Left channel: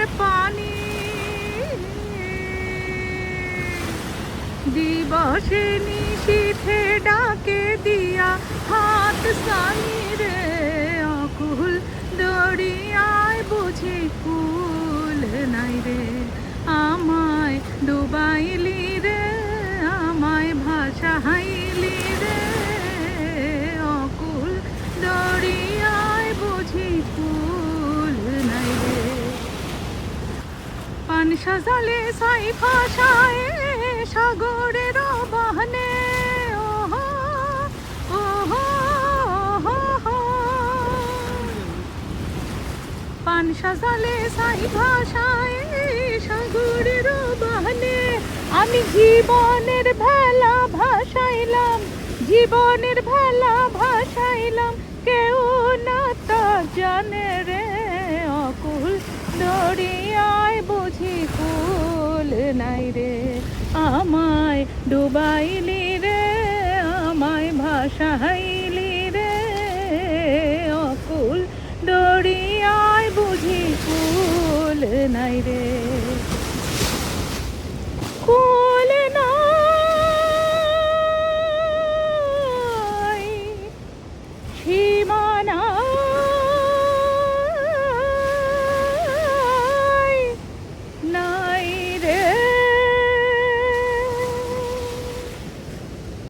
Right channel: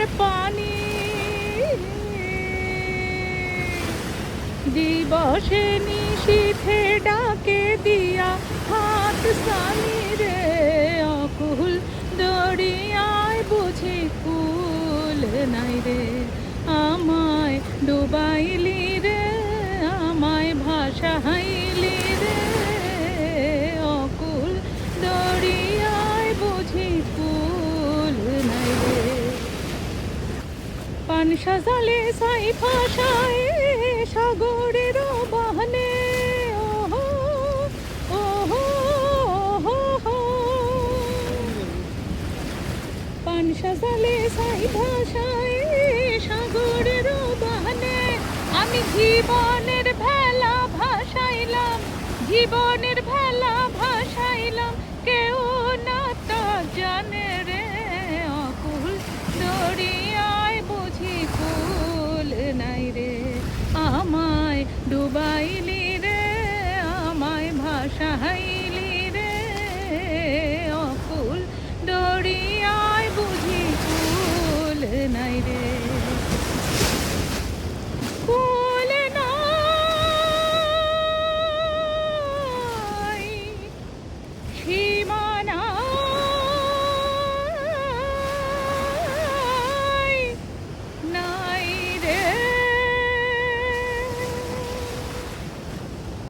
ঝর্ণার পানি দিবসে নিশীথে ডাকে দিয়া হাত সানি রে অকুল দরিয়ায় বুঝি কুল নাই রে আমায় ডুবাইলি রে আমায় ভাসাইলি রে অকুল দরিয়ায় বুঝি কুল নাই রে পান সাজালে সাই ভাষায় সাগরের বাহনে ওহো ওহো ওহো পান সাজালে সাই ভাষায় সাগরের বাহনে আমি জীবনের ভেলা ভাসাইলাম জীবনে